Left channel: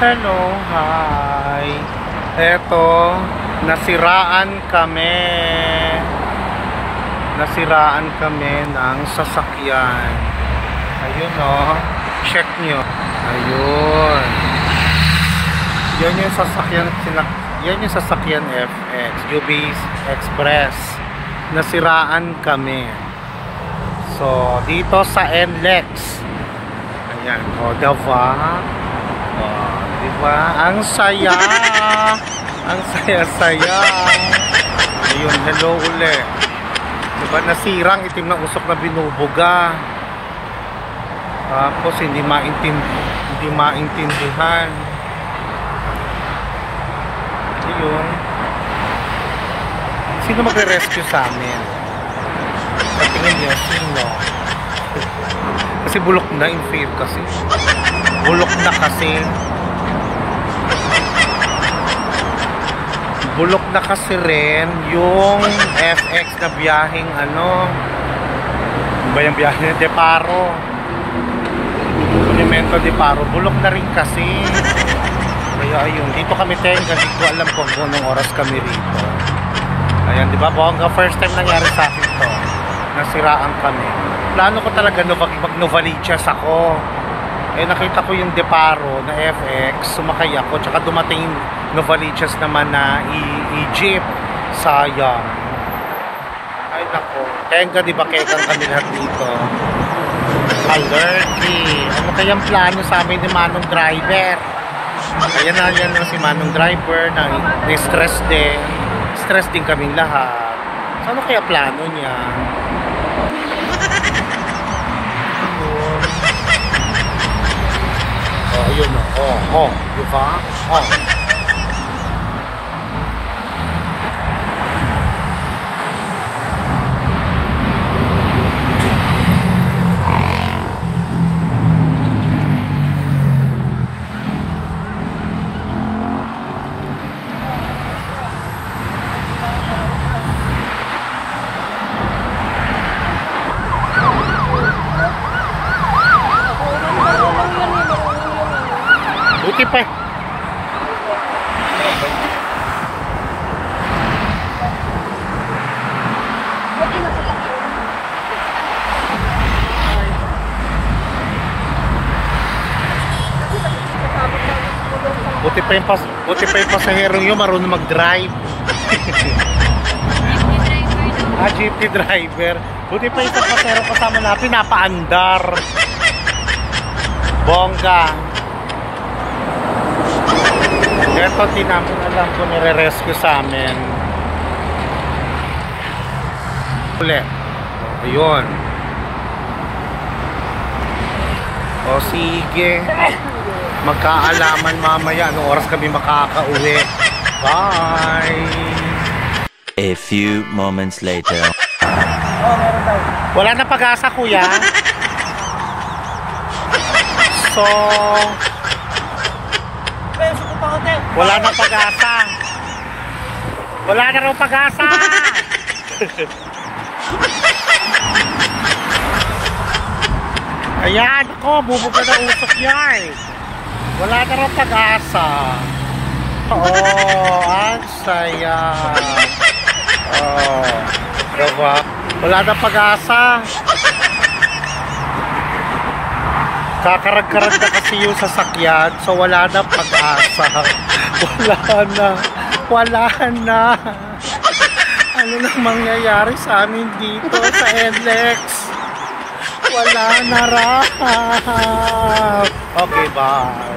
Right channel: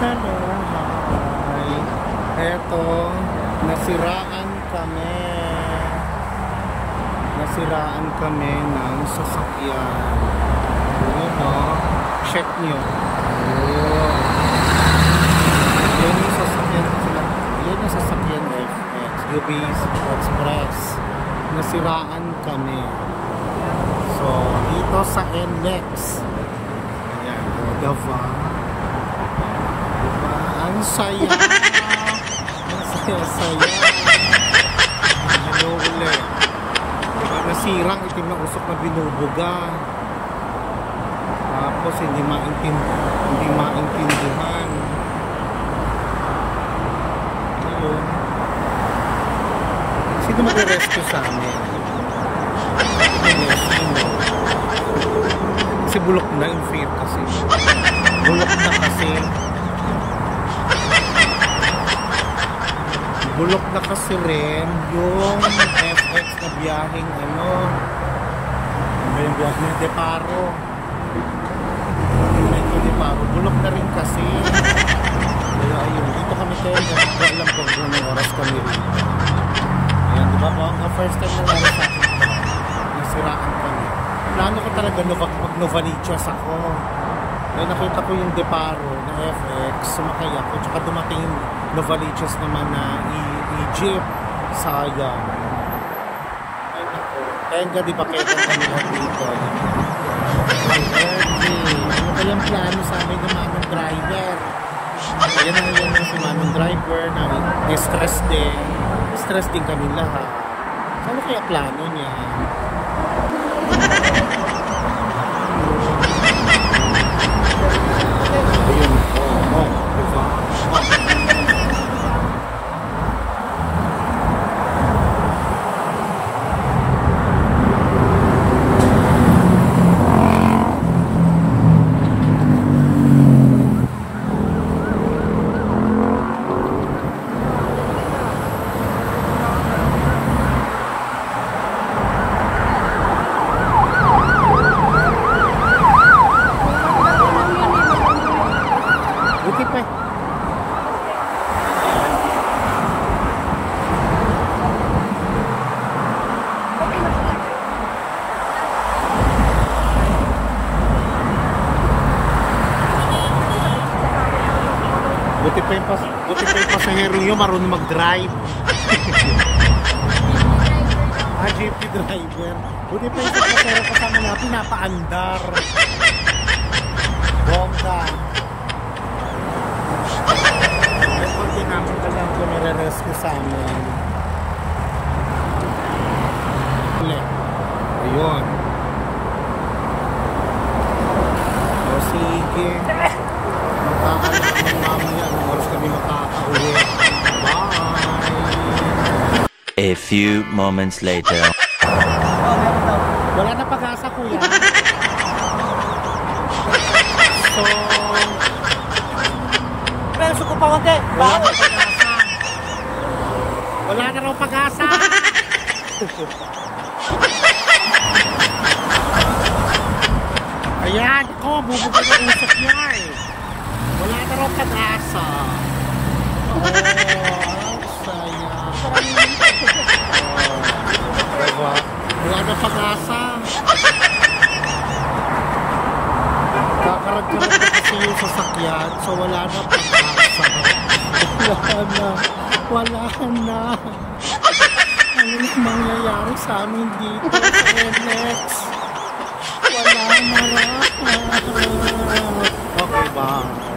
Hello, hi. Eto, nasiraan kami ng sasakyan. Ayun o, check nyo. Ayun. Yun yung sasakyan FX, UB Express. Nasiraan kami. So, dito sa NLEX. Ayan, o, diba? Diba? Ang saya. Ang saya-saya. Ayun, hello uli. Diba? Nasirang itim na usok na binubuga. Tapos hindi maintindihan. Ayun. Sino magre-rescue sa amin? Tingnan niyo, sino? Kasi bulok na, in fear kasi. Bulok na kasi. Bulok na kasi rin yung FX na biyaheng ano ba yung biyahe ng Deparo, Monumento Deparo. Bulok na rin kasi. Kaya ayun, dito kami tenga. Hindi ko alam kung anong oras kami rito. Ayan, di ba bongga? First time nangyari sa akin to. Nasiraan kami. Plano ko talaga mag-Novaliches ako. Eh nakita ko yung Deparo na FX, sumakay ako, tsaka dumating yung Novaliches naman na i-jeep. Sayang. Ay nako, tenga di ba kegang kami lahat dito. Alerty. Ano kayang plano sa amin ni Manong Driver? Ayan na si Manong Driver na stress din. Stress din kaming lahat. So ano kaya plano niya? Ayun o. Diba? Buti pa. Buti pa yung pasaherong yun marunong mag-drive. Jeepney driver. Buti pa yung pasaherong kasama na pinapaandar. Bongga. Ito di namin alam kung nire-rescue sa amin. Uli. Ayun. O sige. Magkaalaman mamaya anong oras kami makakauwi. Bye! A few moments later. Wala na pag-asa, kuya. So... wala na pag-asa. Wala na raw pag-asa. Ayan, ako, bubuga na usok yan. Wala na raw pag-asa. Ang saya. Diba? Wala na pag-asa. Kakarag-karag na kasi yung sasakyan, so wala na pag-asa. Wala na. Ano nang mangyayari sa amin dito sa NLEX? Wala na raw. Okay, bye.